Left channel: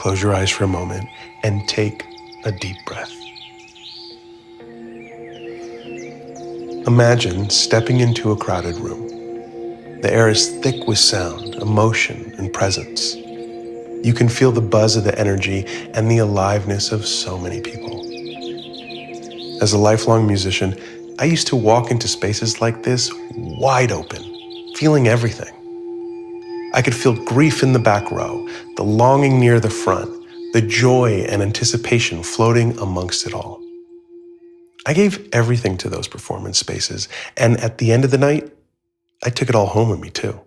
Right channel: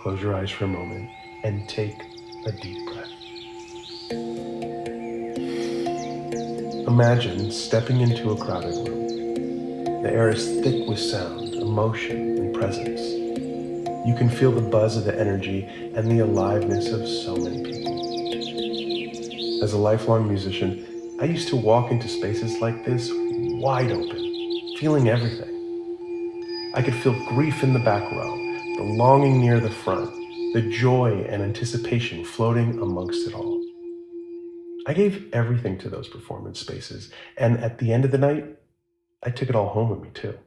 close your eyes for a moment and take a deep breath. Imagine stepping into a crowded room. The air is thick with sound, emotion, and presence. You can feel the buzz of the energy and the aliveness of so many people. As a lifelong musician, I used to walk into spaces like this wide open, feeling everything. I could feel grief in the back row, the longing near the front, the joy and anticipation floating amongst it all. I gave everything to those performance spaces, and at the end of the night, I took it all home with me too.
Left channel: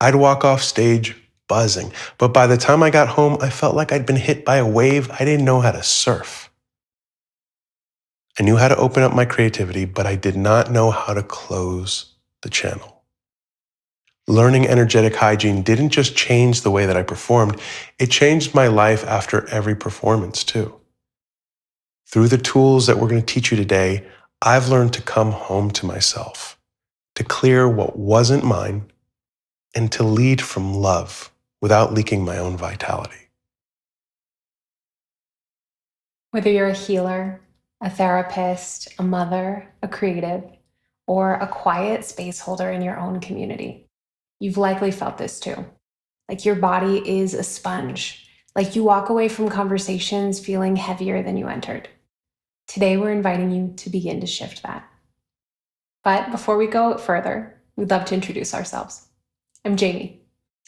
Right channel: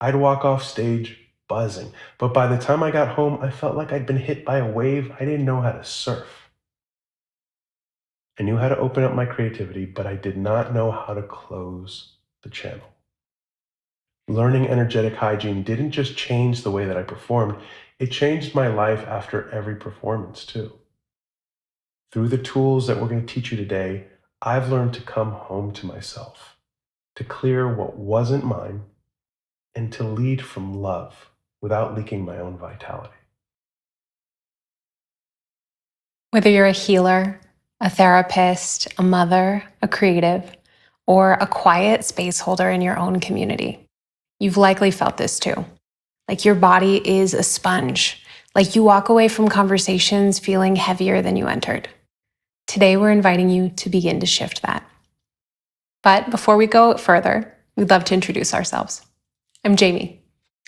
I'd walk off stage buzzing, but by the time I got home, I felt like I'd been hit by a wave I didn't know how to surf. I knew how to open up my creativity, but I did not know how to close the channel. Learning energetic hygiene didn't just change the way that I performed, it changed my life after every performance too. Through the tools that we're going to teach you today, I've learned to come home to myself, to clear what wasn't mine, and to lead from love without leaking my own vitality. Whether you're a healer, a therapist, a mother, a creative, or a quiet space holder in your own community, you've likely felt this too. Like your body is a sponge, like you walk away from conversations feeling heavier than you entered. Today, we're inviting you to begin to shift that. But before we go further, we'd love to introduce ourselves. I'm Jaime.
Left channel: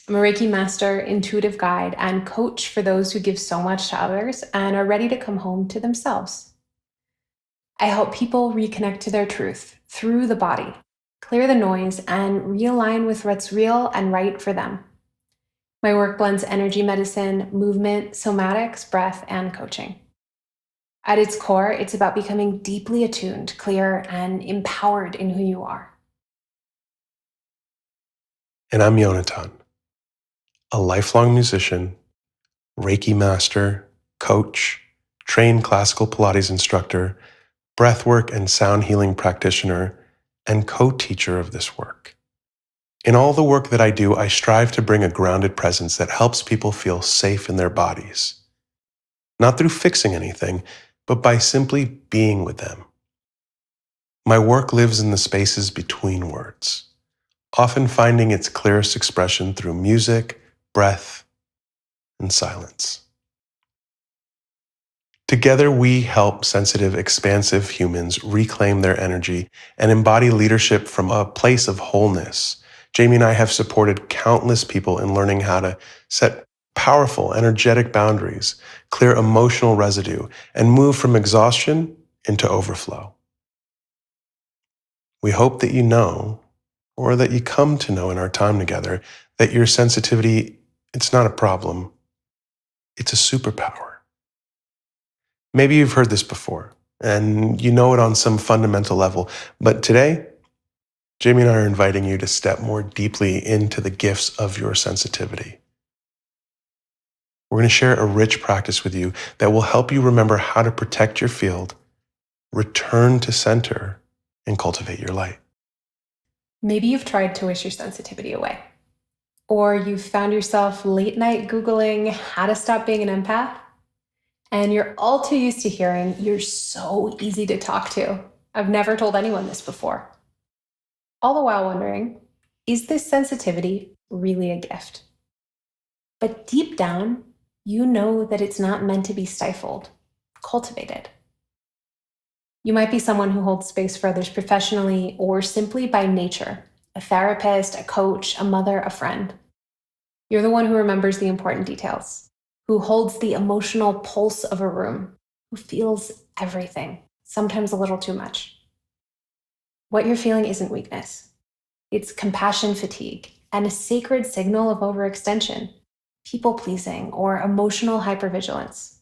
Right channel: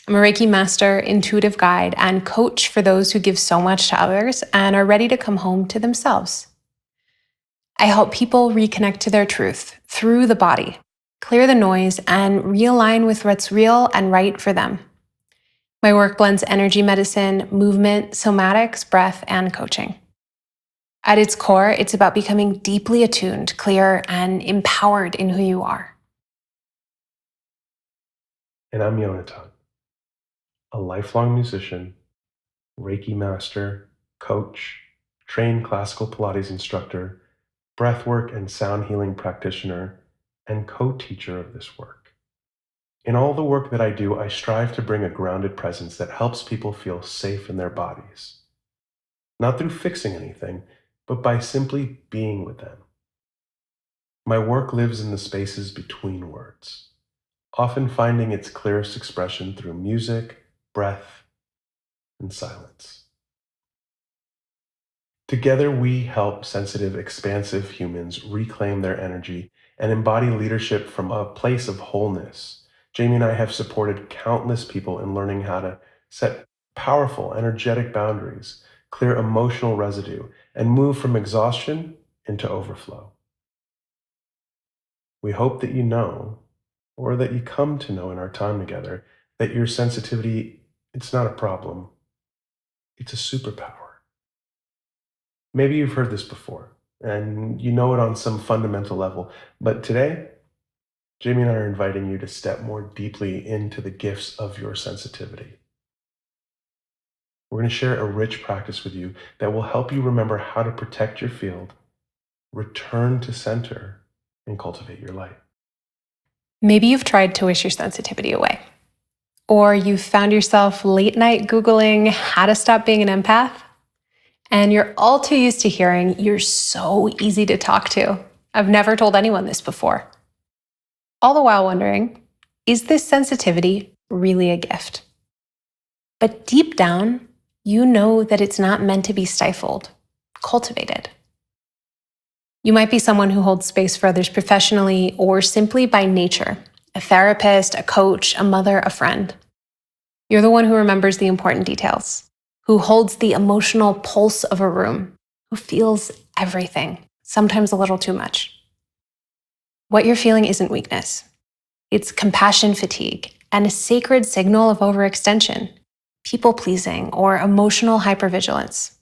I'm a Reiki master, intuitive guide, and coach for those who give so much to others and are ready to come home to themselves. I help people reconnect to their truth through the body, clear the noise, and realign with what's real and right for them. My work blends energy medicine, movement, somatics, breath, and coaching. At its core, it's about becoming deeply attuned, clear, and empowered in who you are. And I'm Yonatan, a lifelong musician, Reiki master, coach, trained classical Pilates instructor, breathwork and sound healing practitioner, and co-teacher of this work. In all the work that I do, I strive to bring a grounded presence that helps people feel safe in their bodies. Not through fixing anything, but by simply being with them. My work lives in the spaces between words, often finding its clearest expression through music, breath, and silence. Together, we help sensitive, expansive humans reclaim their energy and embody leadership from a place of wholeness. Jaime and I have supported countless people in learning how to set powerful, energetic boundaries, clear emotional residue, and move from exhaustion into overflow. We hope that you know, or that you come to know in our time together, that your sensitivity, it's not a problem, it's a superpower. Maybe you've heard this before, and you know it on some fundamental level, but today, Jaime and I are inviting you to step more deeply into the gifts of your sensitivity. We're going to share a rich practice with you that will help you remember how to protect your field, return to center, and cultivate your light. Maybe you've tried to wish your sensitivity away, or you've found yourself late night Googling how to stop being an empath, and you're all too used to hearing, "You're so easy to talk to. I've never told anyone this before." All the while wondering, is this sensitivity really a gift? But deep down, you know that it's not meant to be stifled, cultivated. You might be someone who holds space for others professionally or simply by nature, a therapist, a coach, a mother, a friend. You're the one who remembers the important details, who holds the emotional pulse of a room, who feels everything, sometimes a little too much. What you're feeling isn't weakness. It's compassion fatigue and a sacred signal of overextension, people-pleasing, or emotional hypervigilance.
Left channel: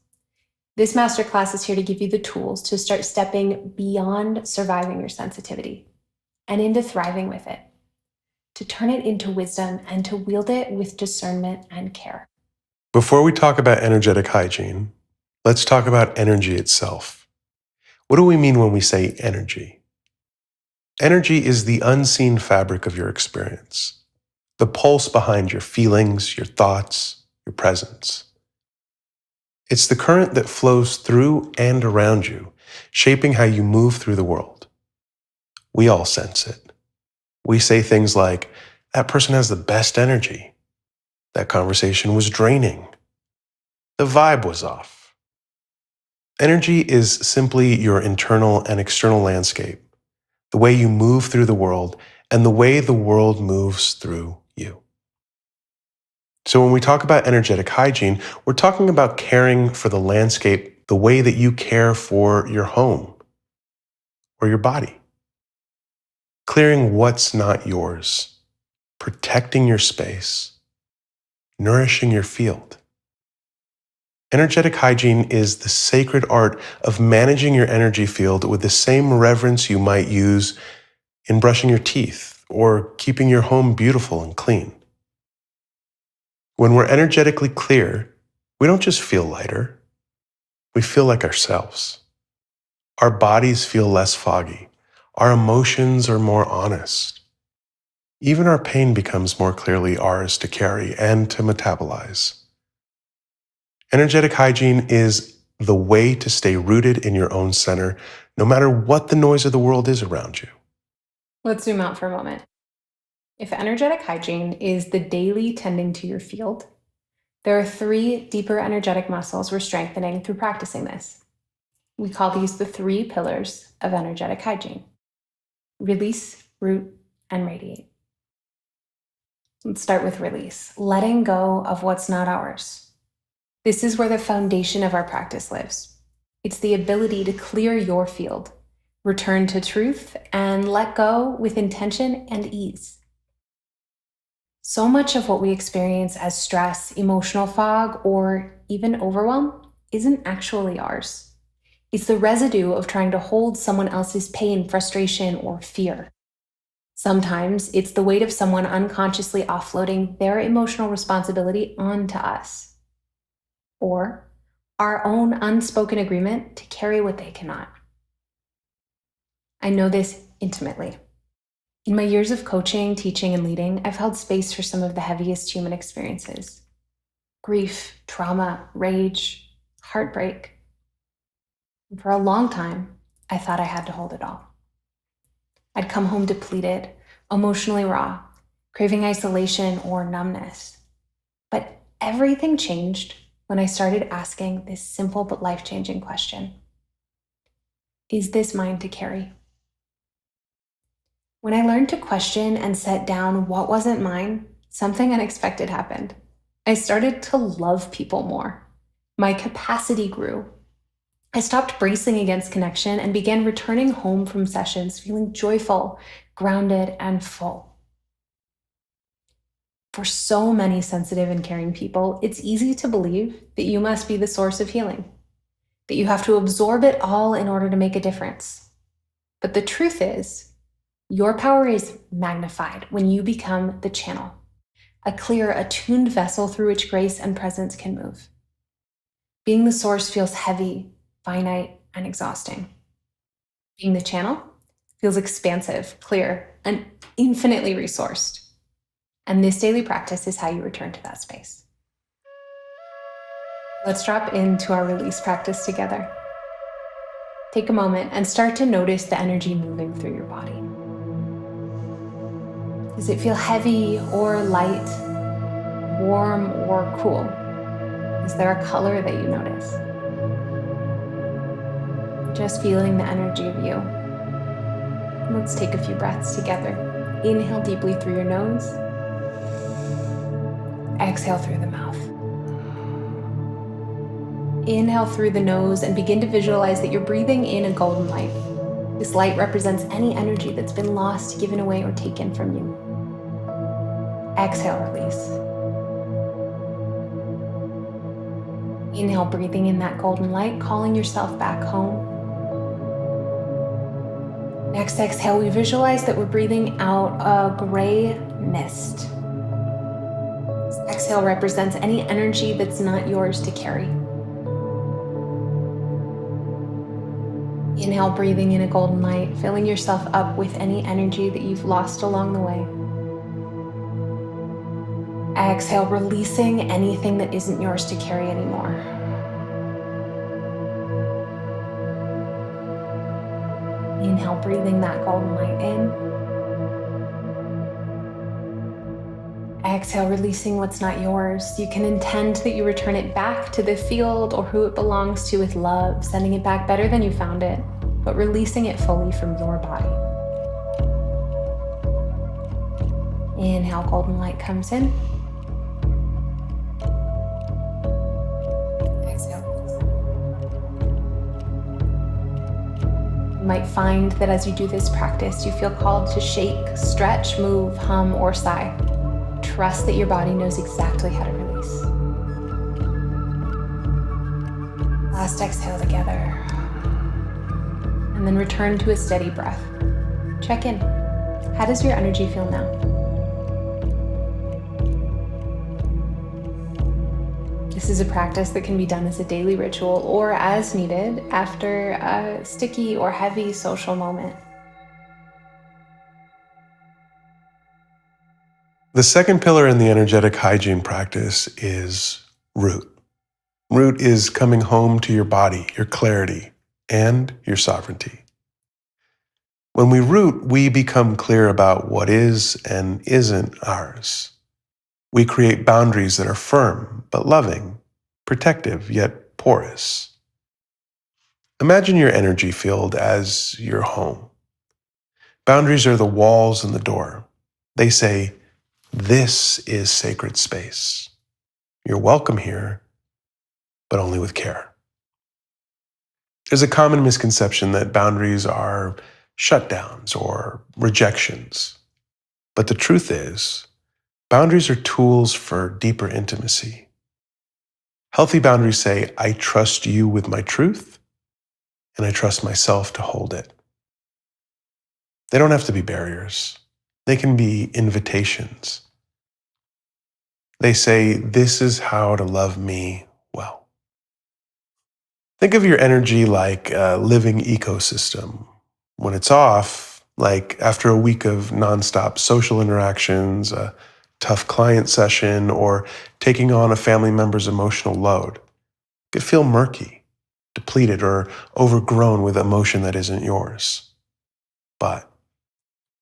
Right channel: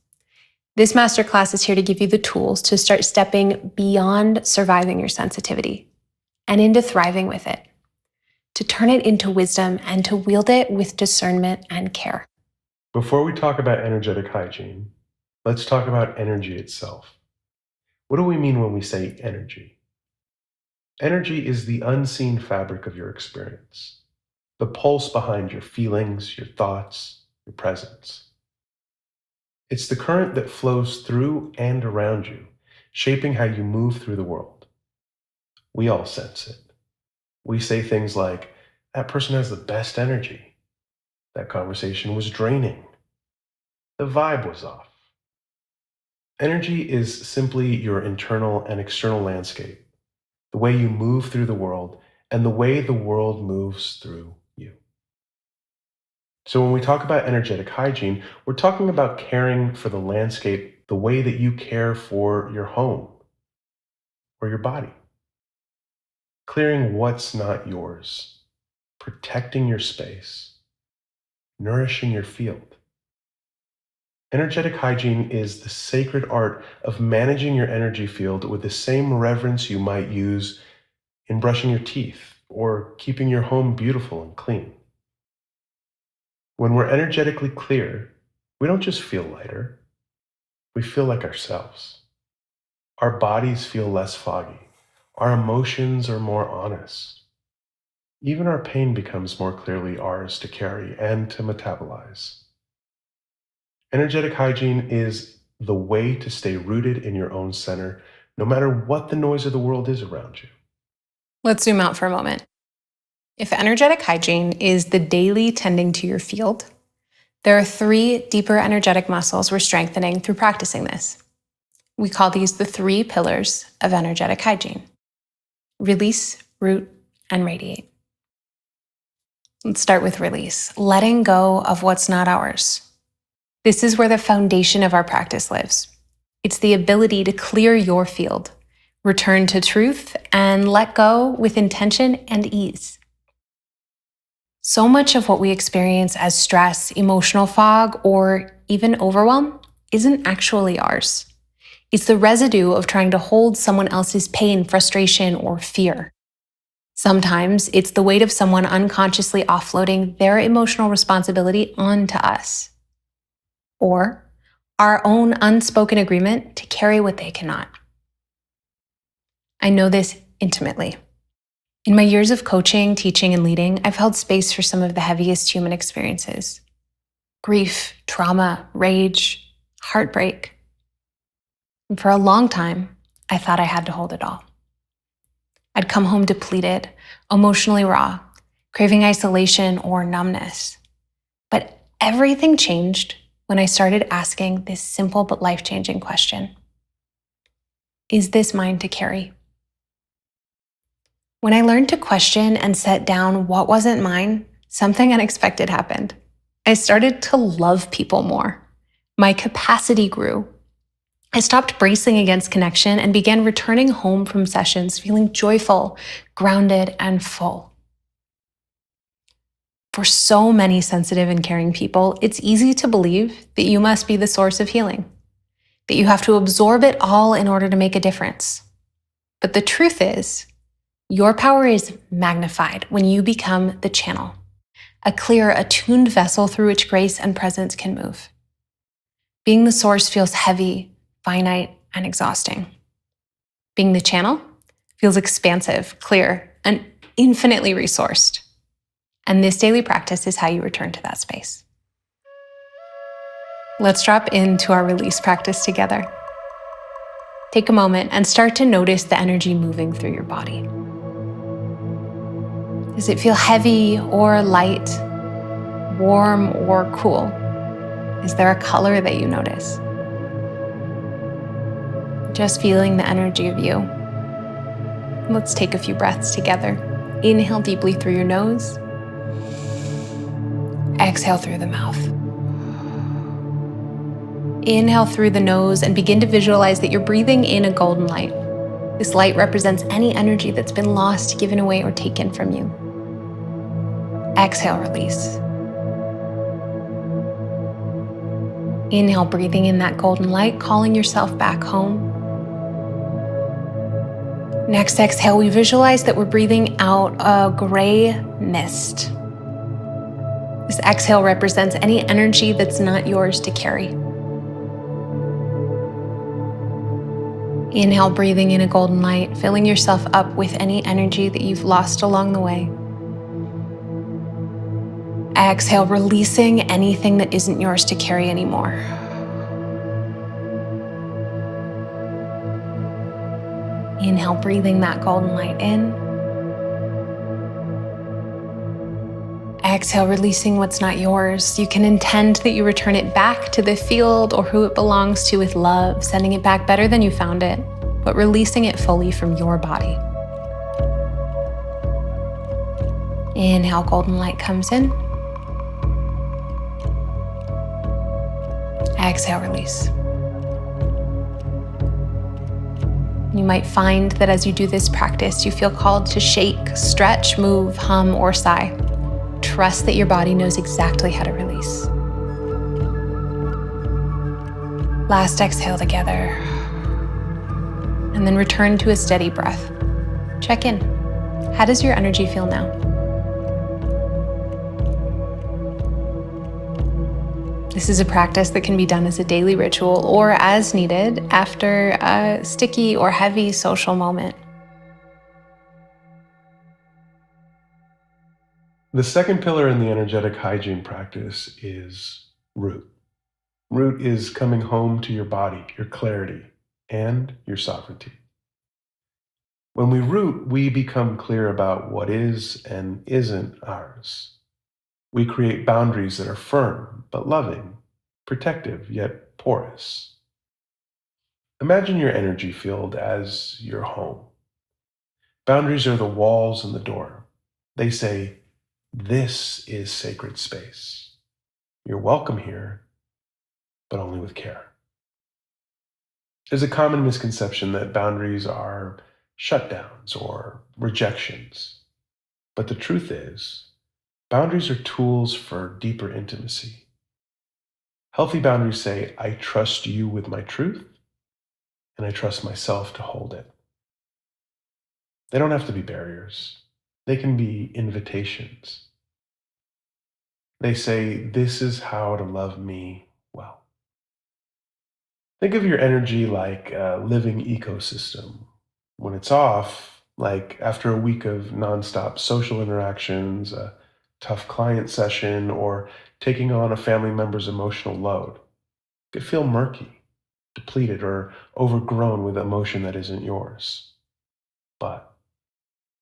This masterclass is here to give you the tools to start stepping beyond surviving your sensitivity and into thriving with it, to turn it into wisdom and to wield it with discernment and care. Before we talk about energetic hygiene, let's talk about energy itself. What do we mean when we say energy? Energy is the unseen fabric of your experience, the pulse behind your feelings, your thoughts, your presence. It's the current that flows through and around you, shaping how you move through the world. We all sense it. We say things like, that person has the best energy. That conversation was draining. The vibe was off. Energy is simply your internal and external landscape, the way you move through the world and the way the world moves through you. So when we talk about energetic hygiene, we're talking about caring for the landscape the way that you care for your home or your body. Clearing what's not yours, protecting your space, nourishing your field. Energetic hygiene is the sacred art of managing your energy field with the same reverence you might use in brushing your teeth or keeping your home beautiful and clean. When we're energetically clear, we don't just feel lighter, we feel like ourselves. Our bodies feel less foggy. Our emotions are more honest. Even our pain becomes more clearly ours to carry and to metabolize. Energetic hygiene is the way to stay rooted in your own center, no matter what the noise of the world is around you. Let's zoom out for a moment. If energetic hygiene is the daily tending to your field, there are 3 deeper energetic muscles we're strengthening through practicing this. We call these the 3 pillars of energetic hygiene: release, root, and radiate. Let's start with release, letting go of what's not ours. This is where the foundation of our practice lives. It's the ability to clear your field, return to truth, and let go with intention and ease. So much of what we experience as stress, emotional fog, or even overwhelm isn't actually ours. It's the residue of trying to hold someone else's pain, frustration, or fear. Sometimes it's the weight of someone unconsciously offloading their emotional responsibility onto us, or our own unspoken agreement to carry what they cannot. I know this intimately. In my years of coaching, teaching, and leading, I've held space for some of the heaviest human experiences: grief, trauma, rage, heartbreak. And for a long time, I thought I had to hold it all. I'd come home depleted, emotionally raw, craving isolation or numbness. But everything changed when I started asking this simple but life-changing question: is this mine to carry? When I learned to question and set down what wasn't mine, something unexpected happened. I started to love people more. My capacity grew. I stopped bracing against connection and began returning home from sessions feeling joyful, grounded, and full. For so many sensitive and caring people, it's easy to believe that you must be the source of healing, that you have to absorb it all in order to make a difference. But the truth is, your power is magnified when you become the channel, a clear, attuned vessel through which grace and presence can move. Being the source feels heavy, finite, and exhausting. Being the channel feels expansive, clear, and infinitely resourced. And this daily practice is how you return to that space. Let's drop into our release practice together. Take a moment and start to notice the energy moving through your body. Does it feel heavy or light, warm or cool? Is there a color that you notice? Just feeling the energy of you. Let's take a few breaths together. Inhale deeply through your nose. Exhale through the mouth. Inhale through the nose and begin to visualize that you're breathing in a golden light. This light represents any energy that's been lost, given away, or taken from you. Exhale, release. Inhale, breathing in that golden light, calling yourself back home. Next exhale, we visualize that we're breathing out a gray mist. This exhale represents any energy that's not yours to carry. Inhale, breathing in a golden light, filling yourself up with any energy that you've lost along the way. Exhale, releasing anything that isn't yours to carry anymore. Inhale, breathing that golden light in. Exhale, releasing what's not yours. You can intend that you return it back to the field or who it belongs to with love, sending it back better than you found it, but releasing it fully from your body. Inhale, golden light comes in. Exhale, release. You might find that as you do this practice, you feel called to shake, stretch, move, hum, or sigh. Trust that your body knows exactly how to release. Last exhale together. And then return to a steady breath. Check in. How does your energy feel now? This is a practice that can be done as a daily ritual or as needed after a sticky or heavy social moment. The second pillar in the energetic hygiene practice is root. Root is coming home to your body, your clarity, and your sovereignty. When we root, we become clear about what is and isn't ours. We create boundaries that are firm but loving, protective yet porous. Imagine your energy field as your home. Boundaries are the walls and the door. They say, "This is sacred space. You're welcome here, but only with care." There's a common misconception that boundaries are shutdowns or rejections. But the truth is, boundaries are tools for deeper intimacy. Healthy boundaries say, "I trust you with my truth, and I trust myself to hold it." They don't have to be barriers. They can be invitations. They say, "This is how to love me well." Think of your energy like a living ecosystem. When it's off, like after a week of nonstop social interactions, a tough client session, or taking on a family member's emotional load, it could feel murky, depleted, or overgrown with emotion that isn't yours. But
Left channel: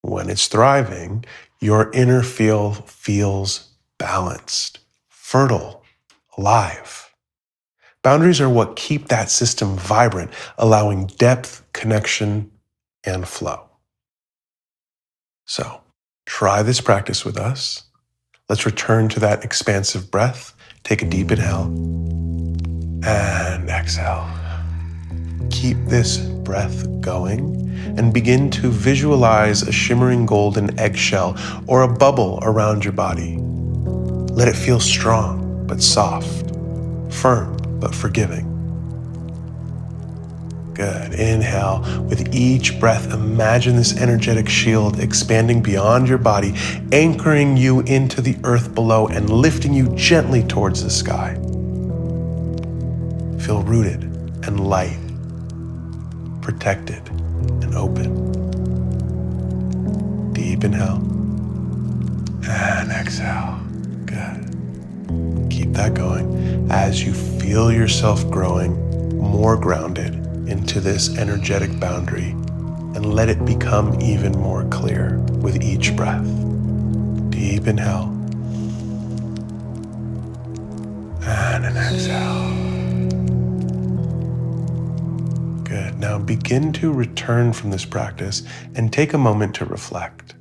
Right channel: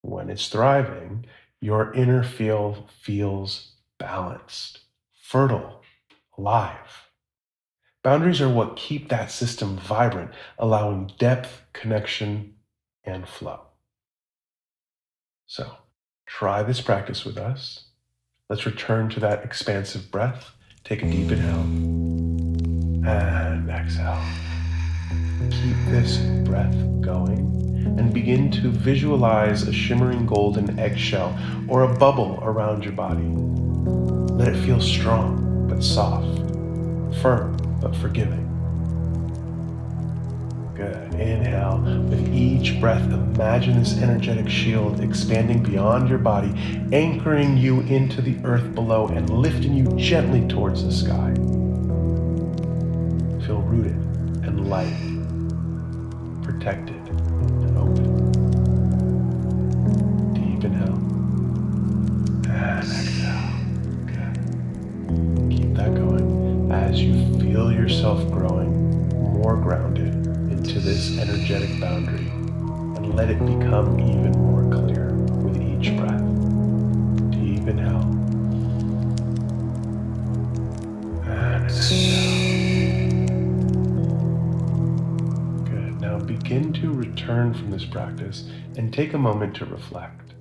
when it's thriving, your inner field feels balanced, fertile, alive. Boundaries are what keep that system vibrant, allowing depth, connection, and flow. So, try this practice with us. Let's return to that expansive breath. Take a deep inhale and exhale. Keep this breath going and begin to visualize a shimmering golden eggshell or a bubble around your body. Let it feel strong but soft, firm but forgiving. Good. Inhale. With each breath, imagine this energetic shield expanding beyond your body, anchoring you into the earth below and lifting you gently towards the sky. Feel rooted and light, protected and open. Deep inhale and exhale. Good. Keep that going as you feel yourself growing more grounded into this energetic boundary, and let it become even more clear with each breath. Deep inhale and an exhale. Good. Now begin to return from this practice and take a moment to reflect.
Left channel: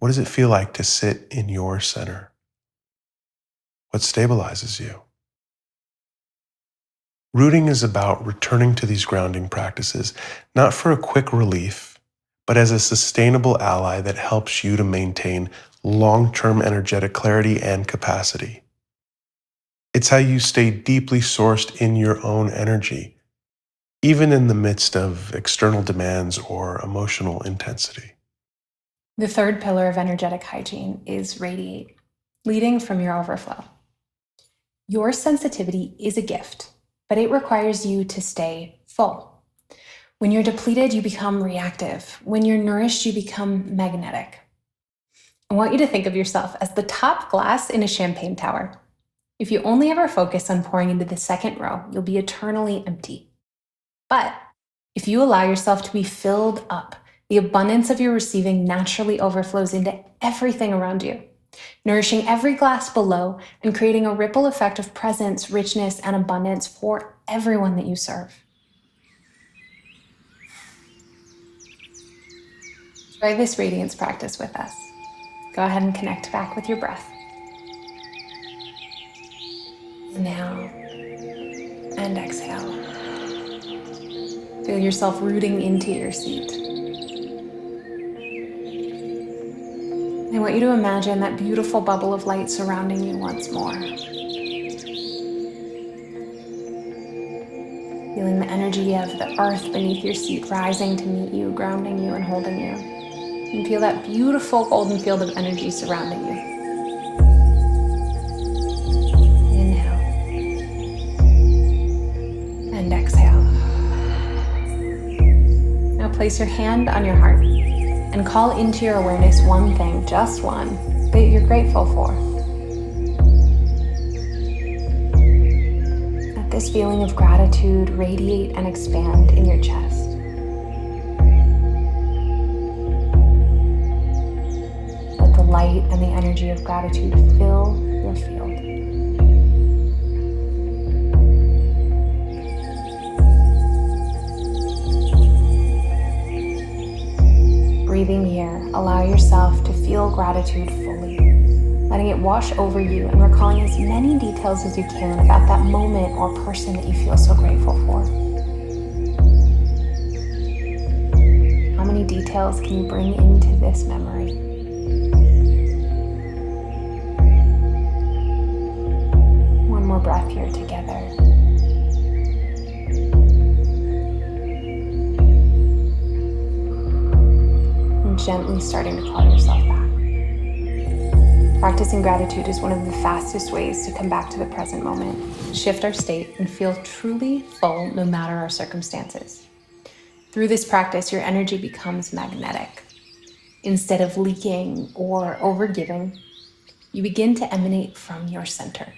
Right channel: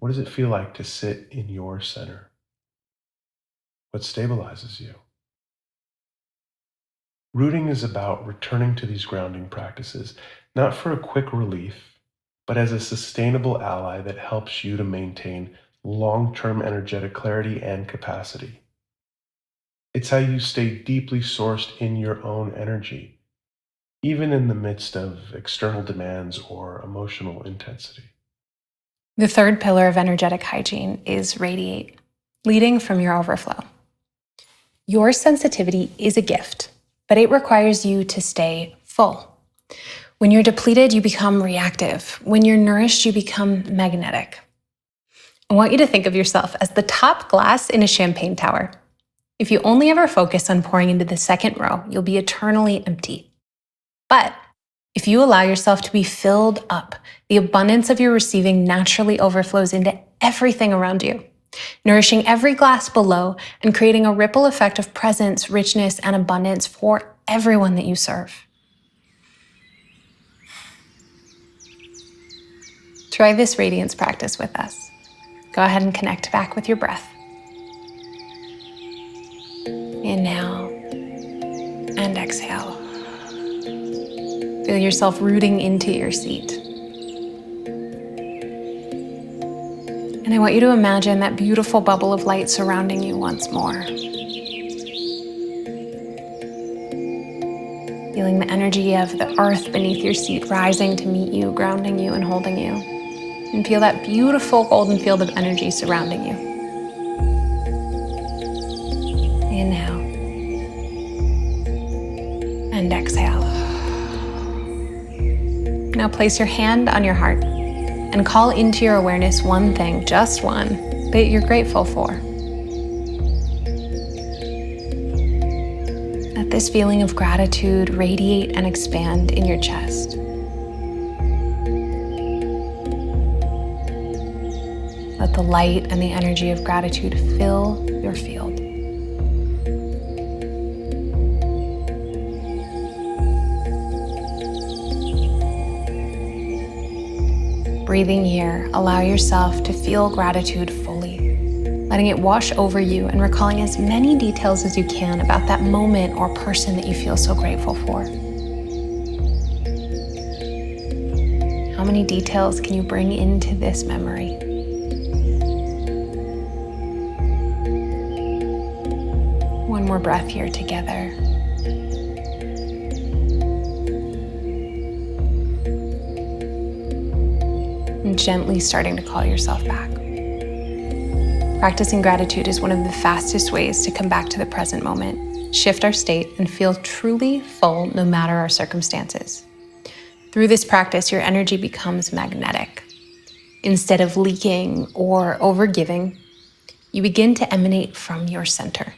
What does it feel like to sit in your center? What stabilizes you? Rooting is about returning to these grounding practices, not for a quick relief, but as a sustainable ally that helps you to maintain long-term energetic clarity and capacity. It's how you stay deeply sourced in your own energy, even in the midst of external demands or emotional intensity. The third pillar of energetic hygiene is radiate, leading from your overflow. Your sensitivity is a gift, but it requires you to stay full. When you're depleted, you become reactive. When you're nourished, you become magnetic. I want you to think of yourself as the top glass in a champagne tower. If you only ever focus on pouring into the second row, you'll be eternally empty. But If you allow yourself to be filled up, the abundance of your receiving naturally overflows into everything around you, nourishing every glass below and creating a ripple effect of presence, richness, and abundance for everyone that you serve. Try this radiance practice with us. Go ahead and connect back with your breath. Inhale and exhale. Feel yourself rooting into your seat. And I want you to imagine that beautiful bubble of light surrounding you once more. Feeling the energy of the earth beneath your seat rising to meet you, grounding you, and holding you. And feel that beautiful golden field of energy surrounding you. Inhale and exhale. Now place your hand on your heart and call into your awareness one thing, just one, that you're grateful for. Let this feeling of gratitude radiate and expand in your chest. Let the light and the energy of gratitude fill your field. Breathing here, allow yourself to feel gratitude fully, letting it wash over you and recalling as many details as you can about that moment or person that you feel so grateful for. How many details can you bring into this memory? One more breath here together. Gently starting to call yourself back. Practicing gratitude is one of the fastest ways to come back to the present moment, shift our state, and feel truly full no matter our circumstances. Through this practice, your energy becomes magnetic. Instead of leaking or overgiving, you begin to emanate from your center.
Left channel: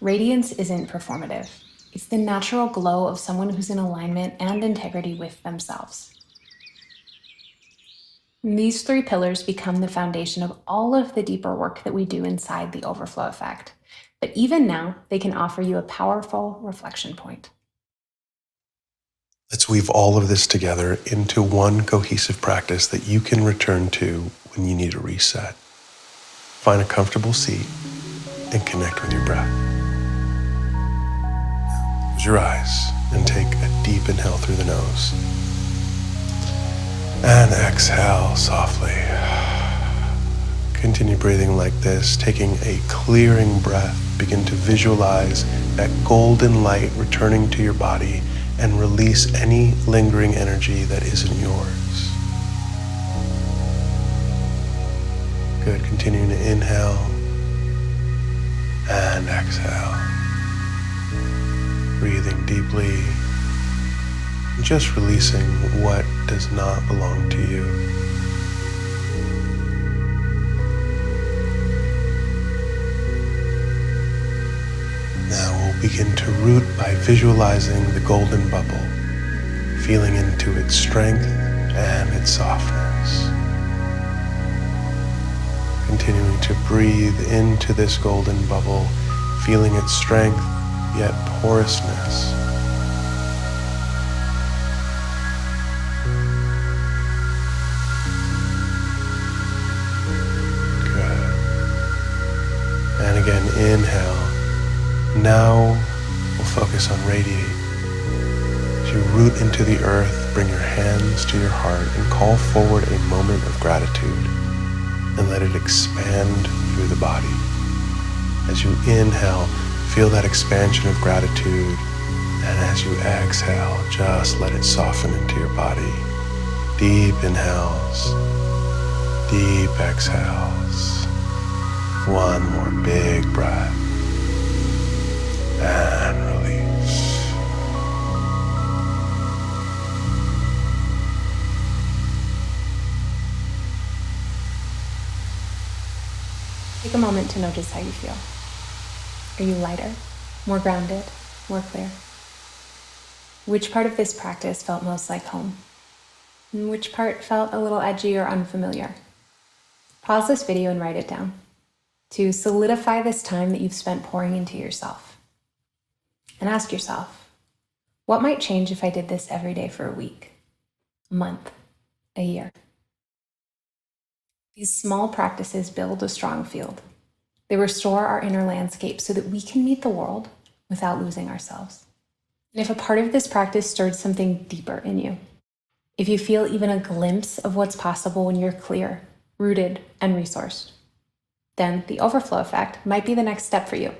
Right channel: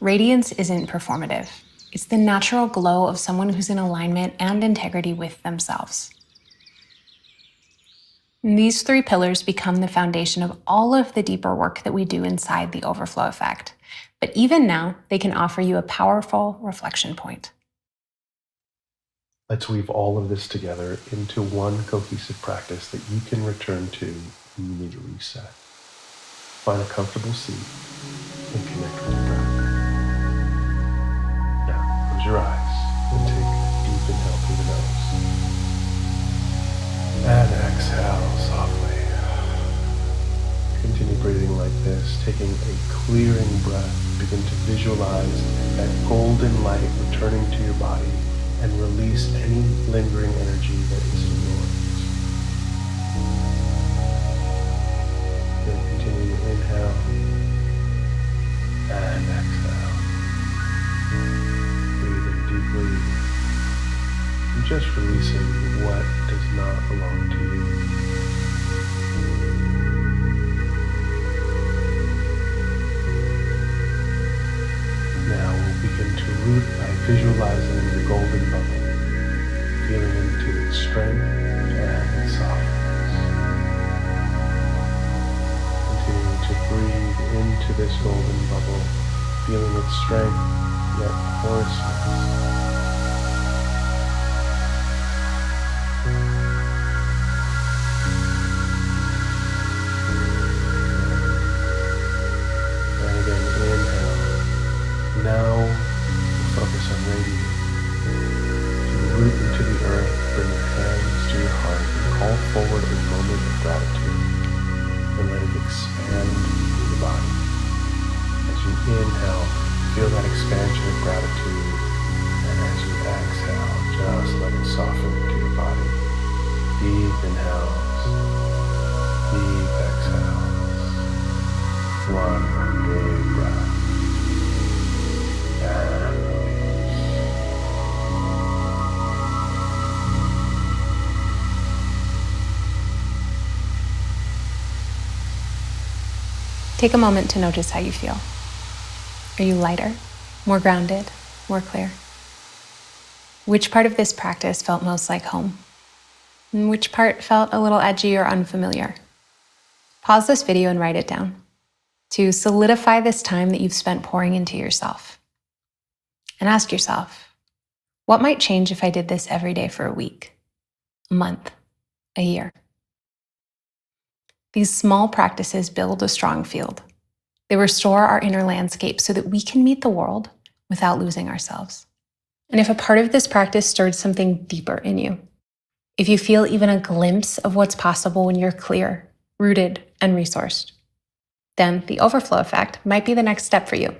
Radiance isn't performative. It's the natural glow of someone who's in alignment and integrity with themselves. And these three pillars become the foundation of all of the deeper work that we do inside the overflow effect. But even now, they can offer you a powerful reflection point. Let's weave all of this together into one cohesive practice that you can return to when you need a reset. Find a comfortable seat and connect with your breath. Now, close your eyes and take a deep inhale through the nose. And exhale softly. Continue breathing like this, taking a clearing breath. Begin to visualize that golden light returning to your body and release any lingering energy that isn't yours. Good. Continuing to inhale and exhale. Breathing deeply. Just releasing what does not belong to you. Now we'll begin to root by visualizing the golden bubble, feeling into its strength and its softness. Continuing to breathe into this golden bubble, feeling its strength yet porousness. Now we'll focus on radiating. As you root into the earth, bring your hands to your heart and call forward a moment of gratitude and let it expand through the body. As you inhale, feel that expansion of gratitude, and as you exhale, just let it soften into your body. Deep inhales, deep exhales. One more big breath. And release. Take a moment to notice how you feel. Are you lighter, more grounded, more clear? Which part of this practice felt most like home? And which part felt a little edgy or unfamiliar? Pause this video and write it down to solidify this time that you've spent pouring into yourself. And ask yourself, what might change if I did this every day for a week, a month, a year? These small practices build a strong field. They restore our inner landscape so that we can meet the world without losing ourselves. And if a part of this practice stirred something deeper in you, if you feel even a glimpse of what's possible when you're clear, rooted, and resourced, then the overflow effect might be the next step for you.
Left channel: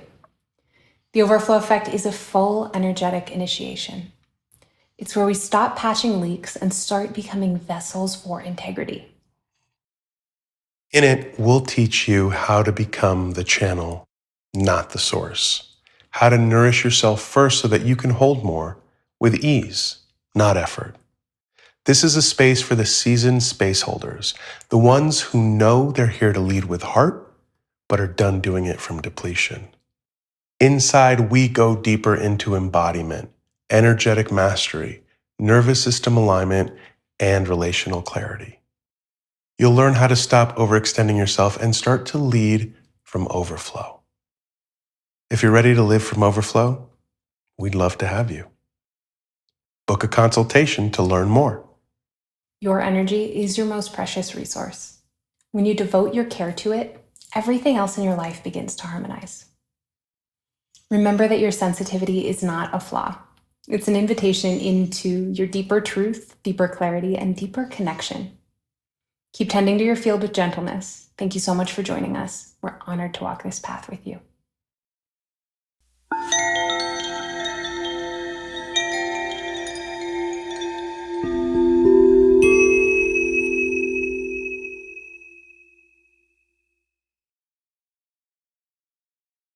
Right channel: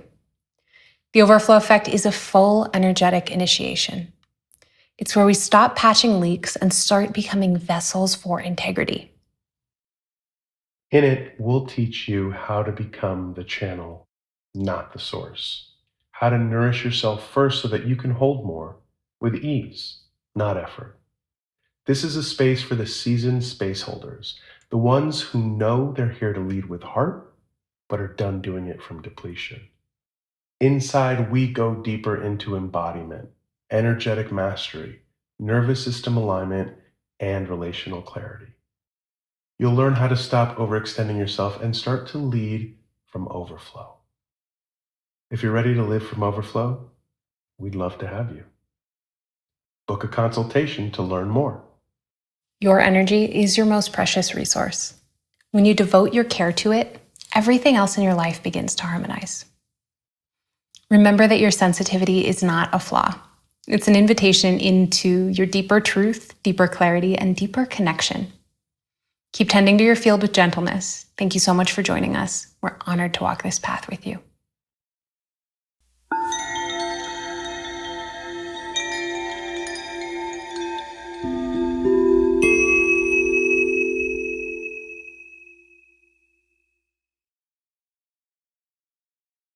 The overflow effect is a full energetic initiation. It's where we stop patching leaks and start becoming vessels for integrity. In it, we'll teach you how to become the channel, not the source. How to nourish yourself first so that you can hold more with ease, not effort. This is a space for the seasoned space holders, the ones who know they're here to lead with heart, but are done doing it from depletion. Inside, we go deeper into embodiment, energetic mastery, nervous system alignment, and relational clarity. You'll learn how to stop overextending yourself and start to lead from overflow. If you're ready to live from overflow, we'd love to have you. Book a consultation to learn more. Your energy is your most precious resource. When you devote your care to it, everything else in your life begins to harmonize. Remember that your sensitivity is not a flaw. It's an invitation into your deeper truth, deeper clarity, and deeper connection. Keep tending to your field with gentleness. Thank you so much for joining us. We're honored to walk this path with you.